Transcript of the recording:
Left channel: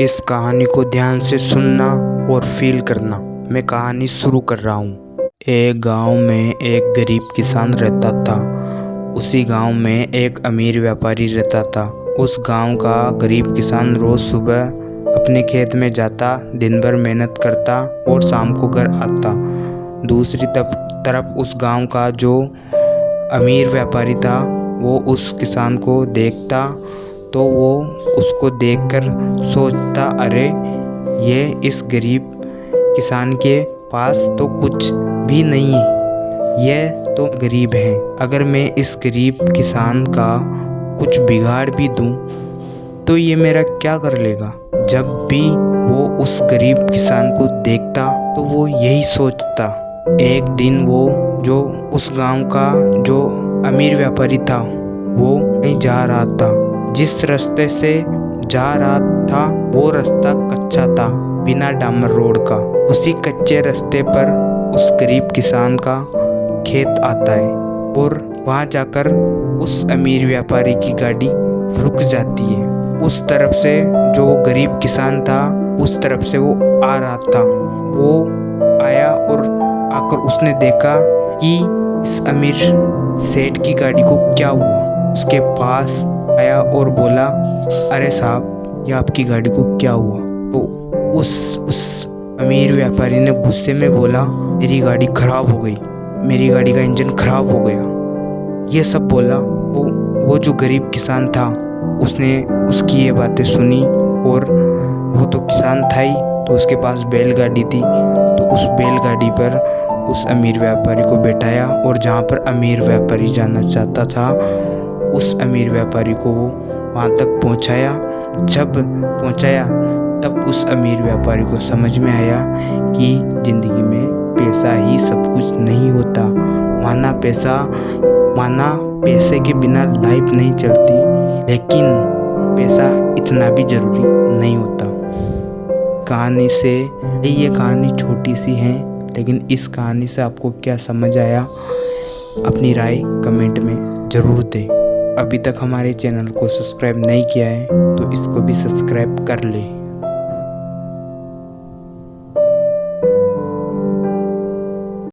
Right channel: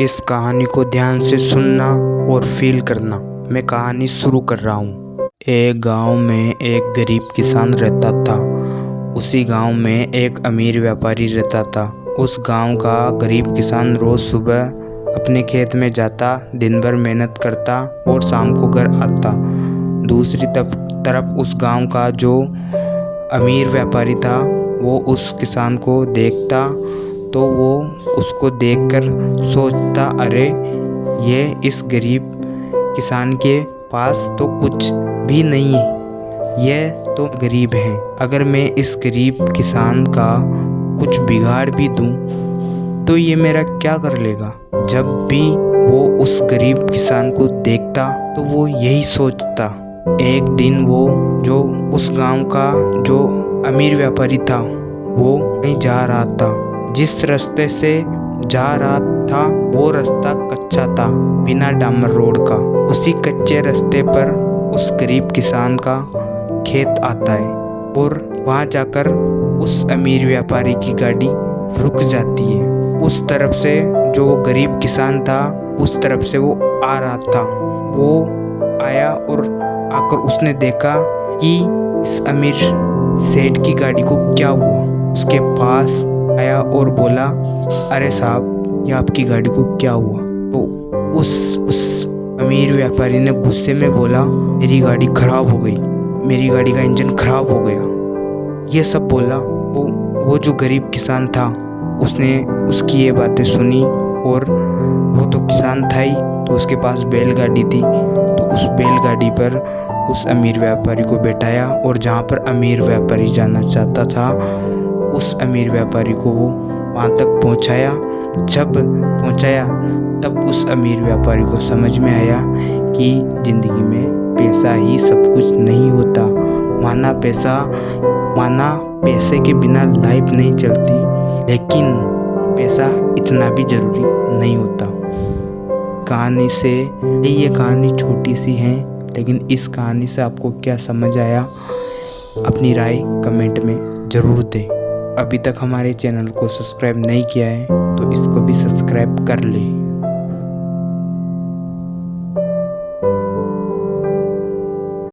इस कहानी को ध्यान से सुनना और फील करना। मैं कहानी शुरू कर रहा हूँ। एक गांव में एक गरीब किसान रहता था। उसी गांव में एक अमीर व्यापारी रहता था। उस गांव का गरीब किसान रोज सुबह अपने खेत में जाता, दिन भर मेहनत करता और शाम को घर आता। दूसरी तरफ उस गांव का जो अमीर व्यापारी था वो उस किसान को देखता तो वो उसको देखकर सोचता, अरे ये इस गरीब किसान के पास तो कुछ भी नहीं है, ये तो गरीब है। अगर मैं इस गरीब किसान का कुछ बिगाड़ भी दूं तो ये मेरा क्या कर लेगा। जब भी वो उस गरीब किसान को देखता तो वो यही सोचता। एक दिन वो जो उस गांव का जो अमीर व्यापारी था वो कहीं जा रहा था। जिस रास्ते से जा रहा था वो रास्ता कच्चा था, बिना डामर रोड का। उसी कच्चे रास्ते पर उस गरीब किसान का खेत आता है और वहां जाकर उस अमीर व्यापारी की गाड़ी रुक जाती है। उस तरफ से जो गरीब किसान था उस तरफ से वो आ रहा था। वो आया और आकर उसने देखा कि इस अमीर सेठ की गाड़ी को क्या हुआ। उसके पास आया और बोला, अरे साहब ये आपकी गाड़ी को क्या हुआ। तो उस अमीर व्यापारी ने गुस्से में बोला, मेरी गाड़ी खराब हो गई, मेरी गाड़ी का इंजन खराब हो गया। ये सब बोला। वो जो गरीब किसान था उसने उसकी ये बातें सुनी और वो तो किसान था ही, तो उसके पास बैलगाड़ी थी। तो उस बैलगाड़ी पर उस अमीर व्यापारी को बैठाया और जहाँ पर अमीर व्यापारी जाना चाहता था उस अमीर व्यापारी को वो वहाँ तक पहुँचाया। जब पहुँचाया तब उस अमीर व्यापारी को समझ में आया कि ज़िंदगी में पैसा ही सब कुछ नहीं होता। माना पैसे के बिना लाइफ नहीं चलती, लेकिन पैसा इतना भी ज़रूरी नहीं होता। कहानी से ये कहानी छोटी सी है, लेकिन इस कहानी से आपको क्या समझ आया अपनी राय कमेंट में ज़रूर दें। अभी तक हमारे चैनल को सब्सक्राइब नहीं किया है तो इसको भी सब्सक्राइब कर लें।